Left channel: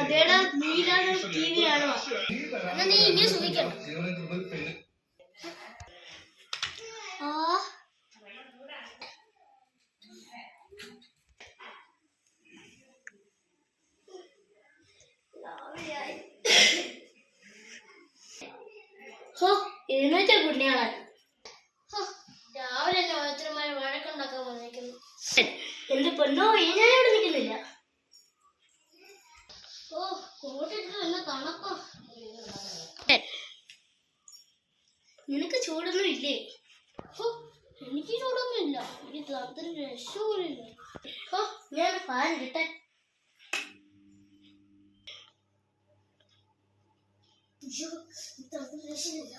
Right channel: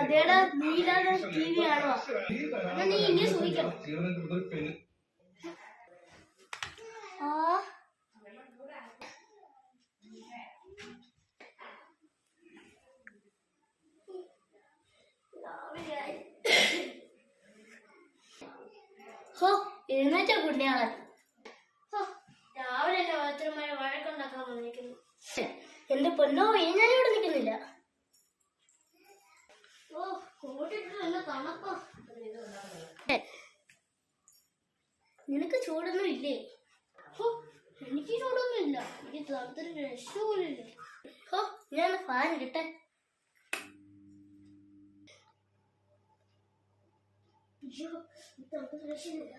അതേടാ നീലാണ് T V ആണോ? എന്നാ നീ ഇങ്ങനെ സൂചിക്കണം. എഴുന്നേറ്റ കുഞ്ഞാളെ രാവിലെ എന്നെ ഓരോരുത്തരുമായി വഴക്കുണ്ടാക്കാൻ വന്നിരിക്കുന്നു. എന്റെ പൊന്നോ ഞാൻ അവിടെ നിൽക്കുന്നില്ല. ഓ കോട്ടിട്ട് നല്ല തണുപ്പാ. നിനക്ക് ചൂടൊന്നും ഇല്ലേ? എനിക്ക് ചൂടൊന്നും ഇല്ല. എനിക്ക് തണുത്തൊരു രക്ഷയില്ല. ഞാൻ ഫാൻ ഇട്ടെ. അയ്യോ തണുത്തൊരു രക്ഷയില്ല.